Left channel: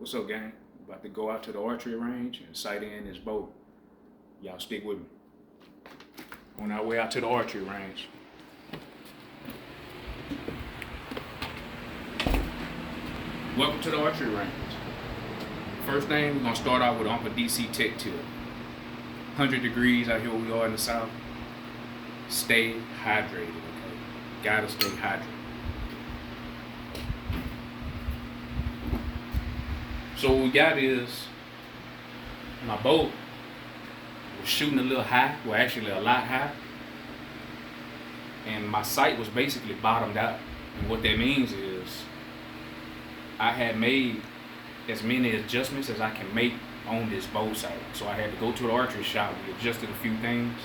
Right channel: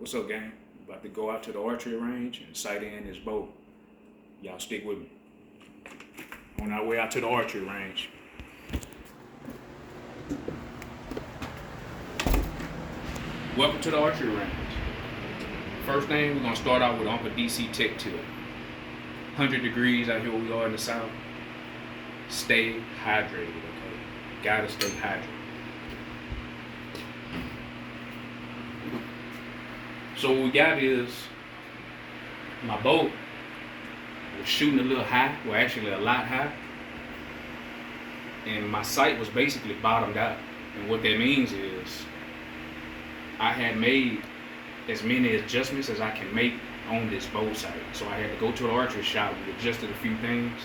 What's up, gang? About to go out to the archery range and sight in this bow. Y'all stick with me. On our way out to the archery range. Welcome to the archery range. First thing, we're gonna start out with Uncle DC Tech Tip. 100 degrees out here where we are in the south. Stay hydrated, okay? Gotta stay hydrated. So what we got is my bow was shooting a little high, well actually a lot high, and my sight was basically bottomed out. And what that means is I had made as many adjustments as I can make on this bow sight. So I had to go to the archery shop, we adjusted a few things.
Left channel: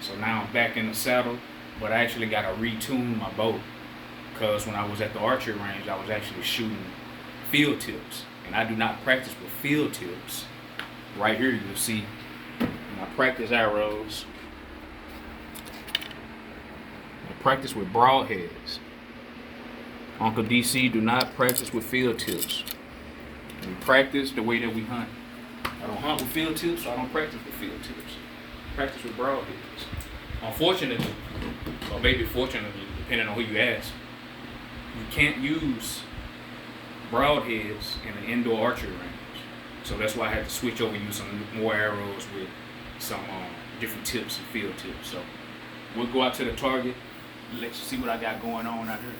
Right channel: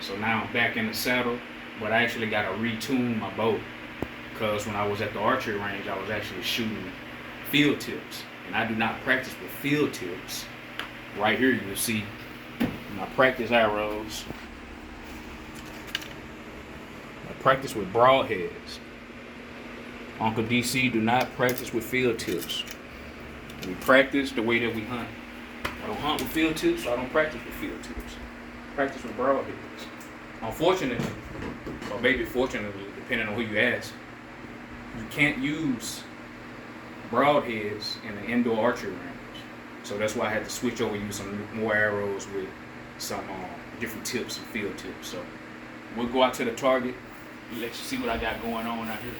So now I'm back in the saddle, but I actually got to retune my bow because when I was at the archery range, I was actually shooting field tips. And I do not practice with field tips. Right here you'll see my practice arrows. I practice with broadheads. Uncle DC do not practice with field tips. We practice the way that we hunt. I don't hunt with field tips, so I don't practice with field tips. I practice with broadheads. Unfortunately, or maybe fortunately, depending on who you ask, you can't use broadheads in an indoor archery range. So that's why I had to switch over and use some more arrows with some different tips and field tips. So we'll go out to the target, let you see what I got going on out here.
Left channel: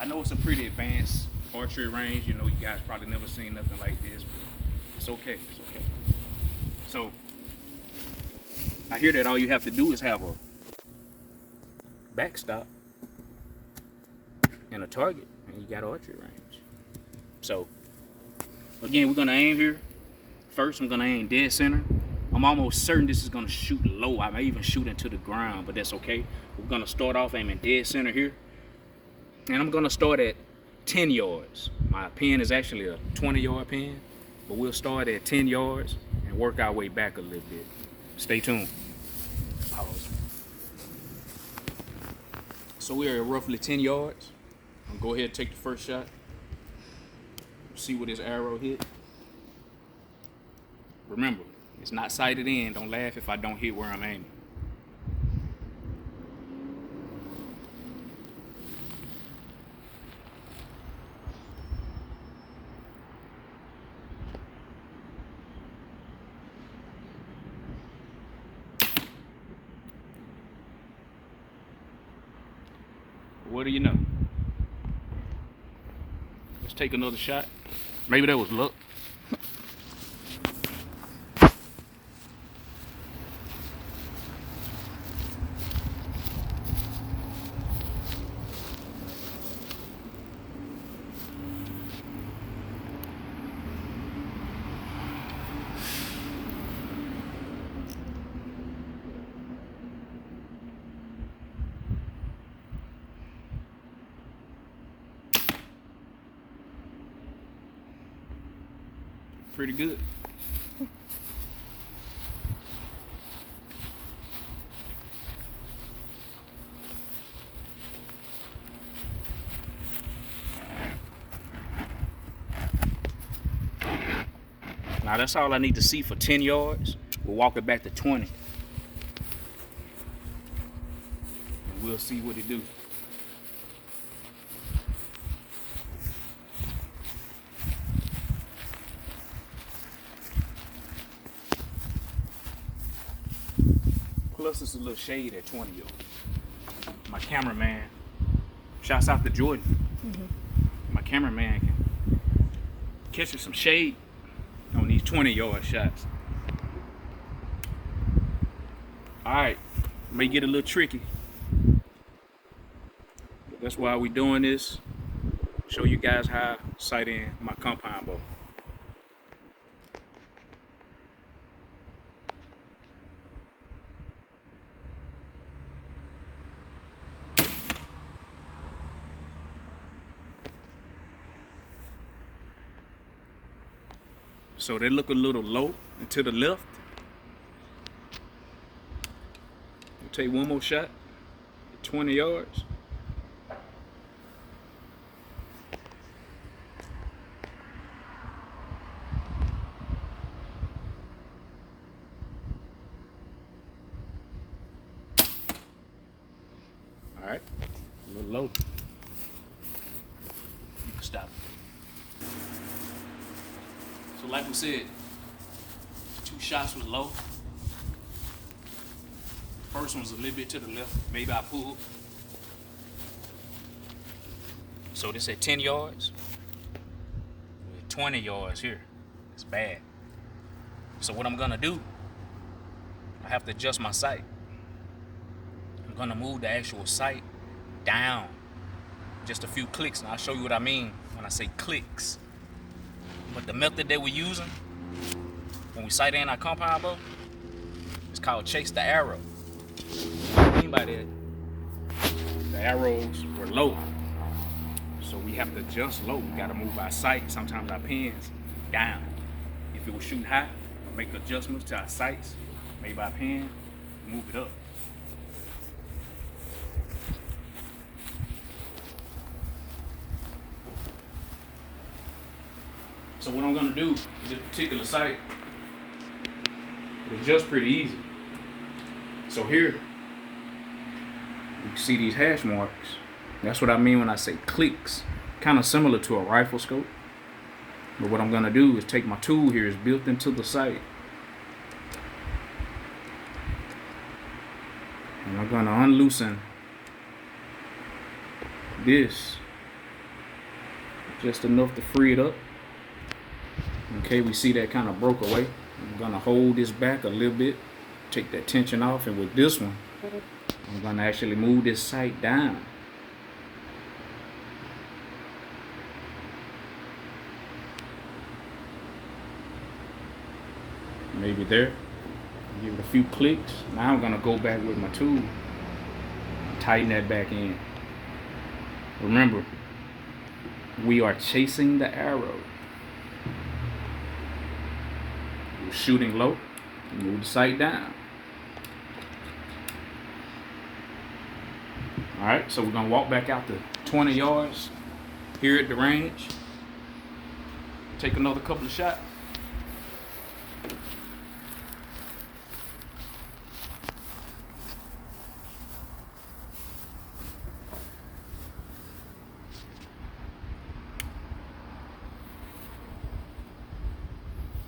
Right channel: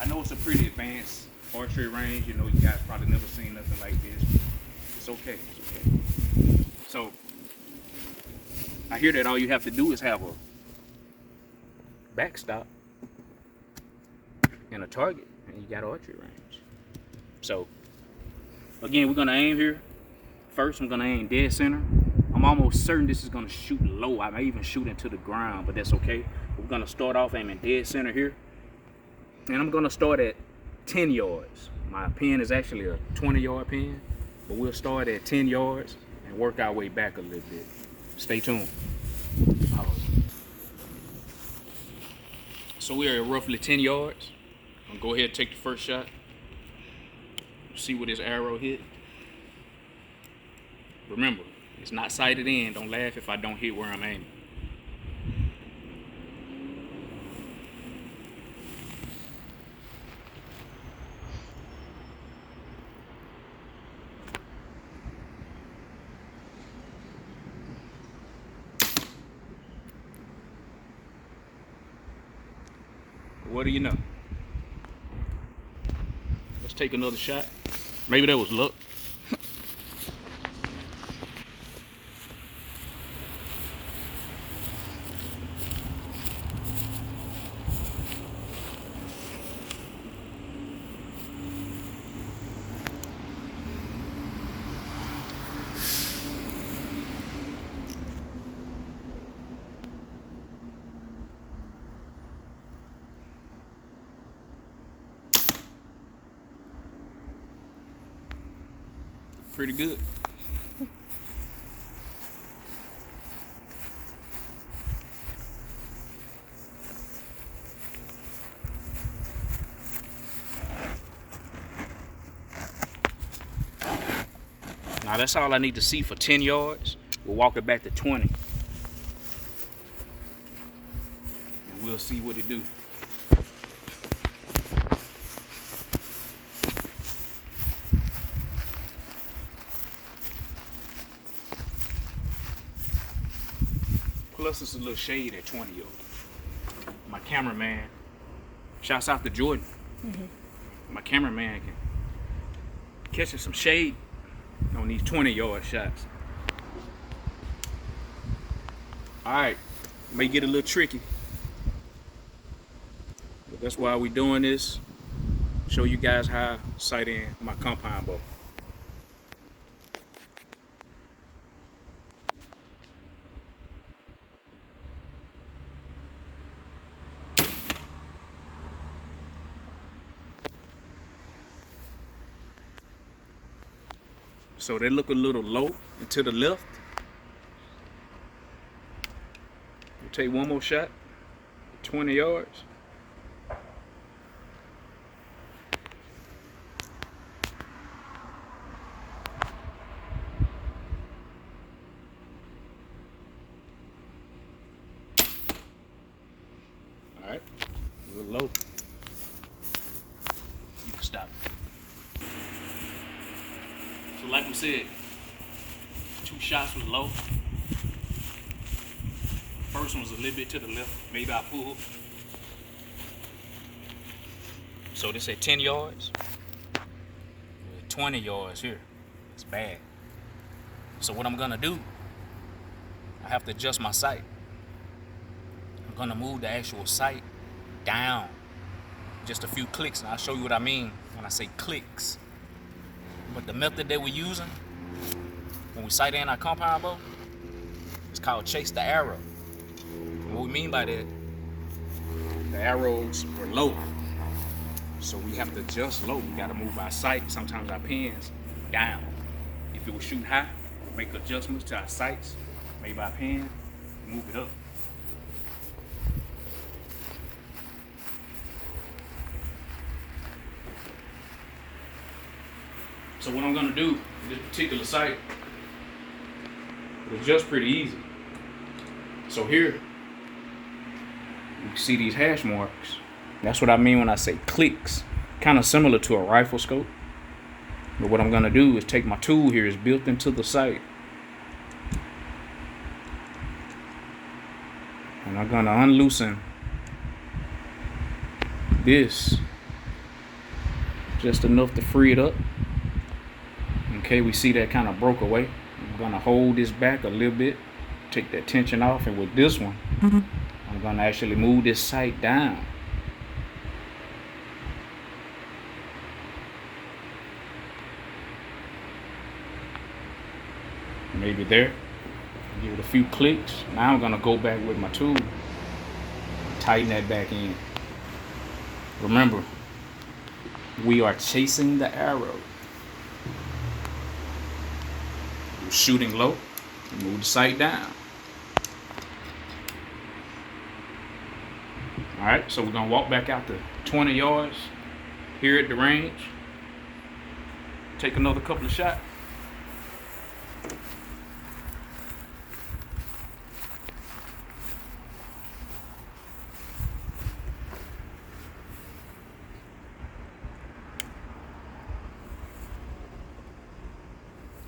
I know it's a pretty advanced archery range. You know, you guys probably never seen nothing like this, but it's okay, it's okay. So I hear that all you have to do is have a backstop and a target, and you got archery range. So again, we're gonna aim here. First, I'm gonna aim dead center. I'm almost certain this is gonna shoot low. I may even shoot into the ground, but that's okay. We're gonna start off aiming dead center here, and I'm gonna start at 10 yards. My pin is actually a 20-yard pin, but we'll start at 10 yards and work our way back a little bit. Stay tuned. Pause. So we are at roughly 10 yards. I'm gonna go ahead and take the first shot. See where this arrow hit. Remember, it's not sighted in. Don't laugh if I don't hit where I'm aiming. What do you know? Let's take another shot. Maybe that was luck. Pretty good. Now that's all I need to see for 10 yards. We'll walk it back to 20. And we'll see what it do. Plus it's a little shade at 20 yards. My cameraman, shouts out to Jordan. My cameraman can catch some shade on these 20-yard shots. Alright, may get a little tricky. But that's why we doing this. Show you guys how I sight in my compound bow. So they look a little low and to the left. We'll take one more shot, 20 yards. Alright, a little low. You can stop. So like we said, 2 shots was low. First one was a little bit to the left. Maybe I pulled. So this at 10 yards. 20 yards here. It's bad. So what I'm gonna do, I have to adjust my sight. I'm gonna move the actual sight down just a few clicks, and I'll show you what I mean when I say clicks. But the method that we're using when we sight in our compound bow, it's called chase the arrow. What I mean by that, the arrows were low, so we have to adjust low. We gotta move our sight, sometimes our pins, down. If it was shooting high, we'll make adjustments to our sights, maybe our pin, move it up. So what I'm gonna do with this particular sight, it adjusts pretty easy. So here, you can see these hash marks. That's what I mean when I say clicks. Kind of similar to a rifle scope. But what I'm gonna do is take my tool here, it's built into the sight. And I'm gonna unloosen this just enough to free it up. Okay, we see that kind of broke away. I'm gonna hold this back a little bit, take that tension off, and with this one, I'm gonna actually move this sight down. Maybe there. Give it a few clicks. Now I'm gonna go back with my tool, tighten that back in. Remember, we are chasing the arrow. We're shooting low, move the sight down. All right, so we're gonna walk back out to 20 yards here at the range. Take another couple of shots.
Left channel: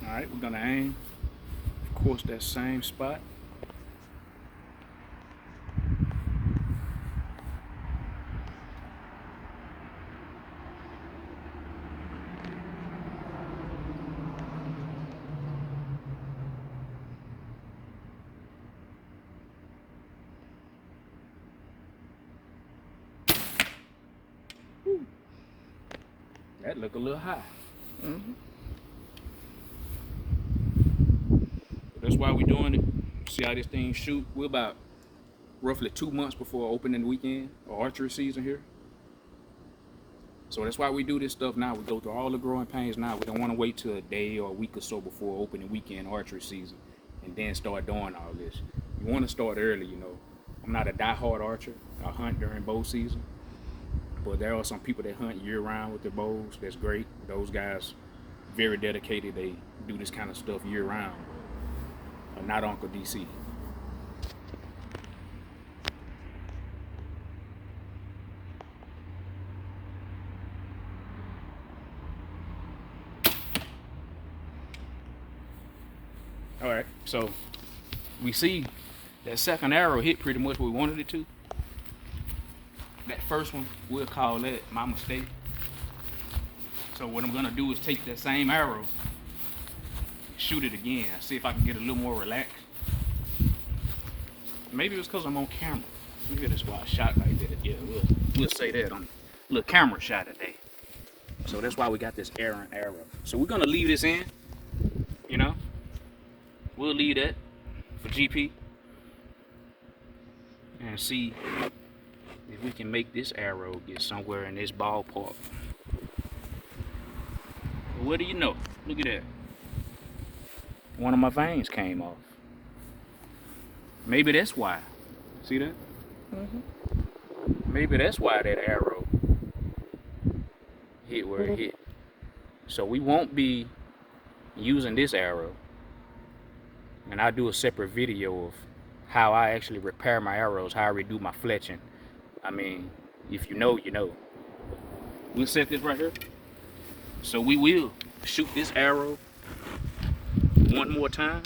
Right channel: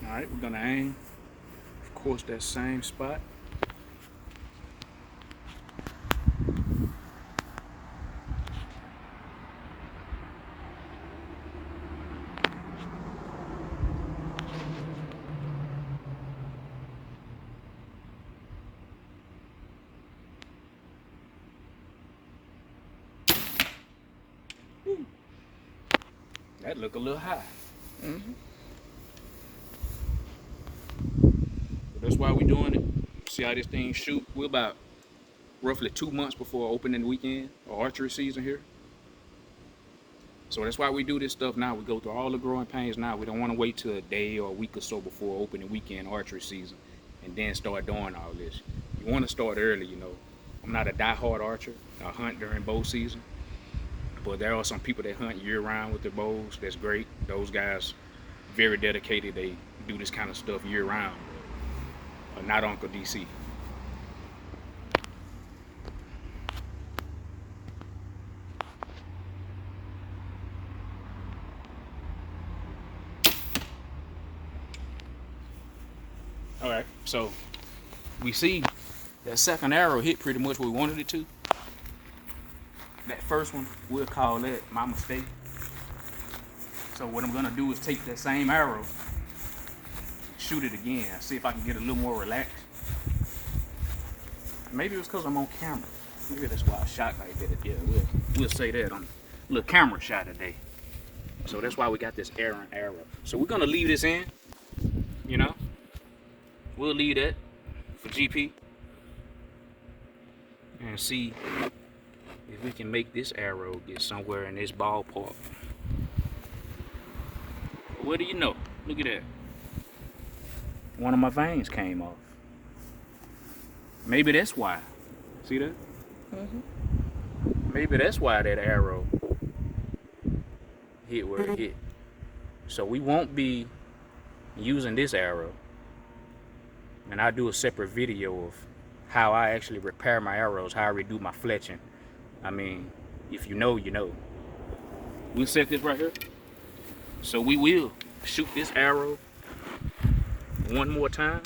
All right, we're gonna aim, of course, that same spot. That look a little high. That's why we're doing it. See how this thing shoot? We're about roughly 2 months before opening weekend or archery season here. So that's why we do this stuff now. We go through all the growing pains now. We don't want to wait till a day or a week or so before opening weekend archery season and then start doing all this. You want to start early, you know. I'm not a die-hard archer. I hunt during bow season. But there are some people that hunt year-round with their bows. That's great. Those guys, very dedicated. They do this kind of stuff year-round. Not Uncle DC. All right, so we see that second arrow hit pretty much where we wanted it to. That first one, we'll call that my mistake. So what I'm gonna do is take that same arrow, shoot it again. See if I can get a little more relaxed. Maybe it was because I'm on camera. Maybe that's why I shot like that. Yeah, we'll say that on a little camera shot today. So that's why we got this arrow. So we're gonna leave this in. You know, we'll leave that for GP and see if we can make this arrow get somewhere in this ballpark. But what do you know? Look at that. One of my veins came off. Maybe that's why. See that? Maybe that's why that arrow hit where it hit. So we won't be using this arrow. And I'll do a separate video of how I actually repair my arrows, how I redo my fletching. I mean, if you know, you know. We'll set this right here. So we will shoot this arrow one more time.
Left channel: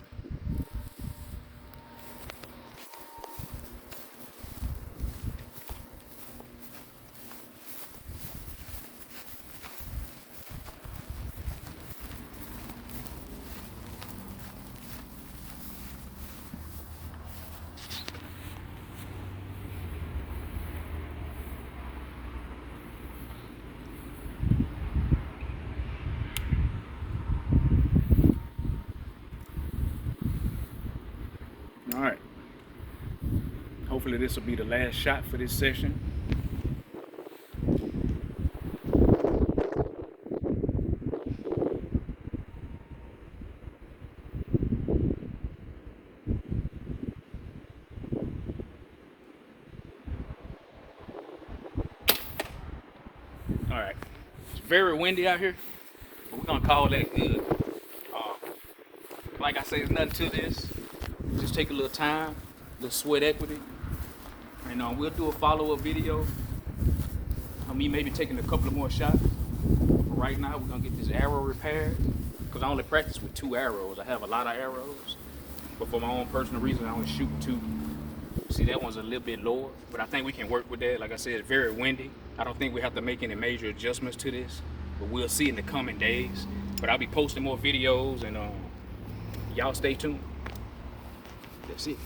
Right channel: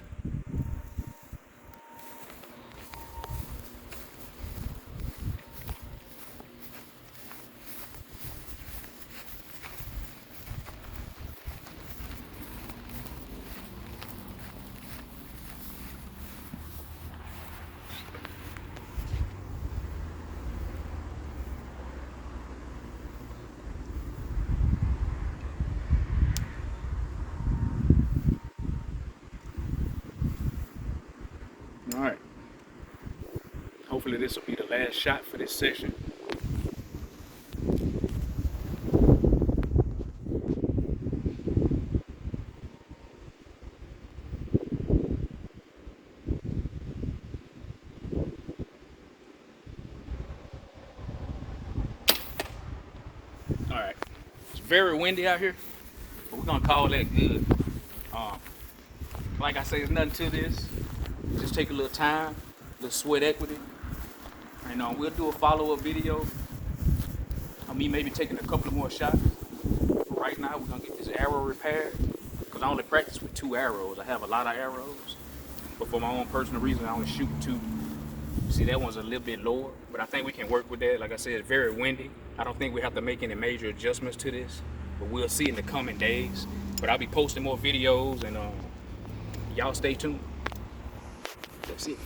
All right. Hopefully this will be the last shot for this session. All right. It's very windy out here, but we're gonna call that good. Like I say, there's nothing to this. Just take a little time, a little sweat equity. And we'll do a follow-up video of me maybe taking a couple of more shots. But right now, we're gonna get this arrow repaired because I only practice with 2 arrows. I have a lot of arrows, but for my own personal reason, I only shoot 2. See, that one's a little bit lower, but I think we can work with that. Like I said, it's very windy. I don't think we have to make any major adjustments to this, but we'll see in the coming days. But I'll be posting more videos, and y'all stay tuned. That's it.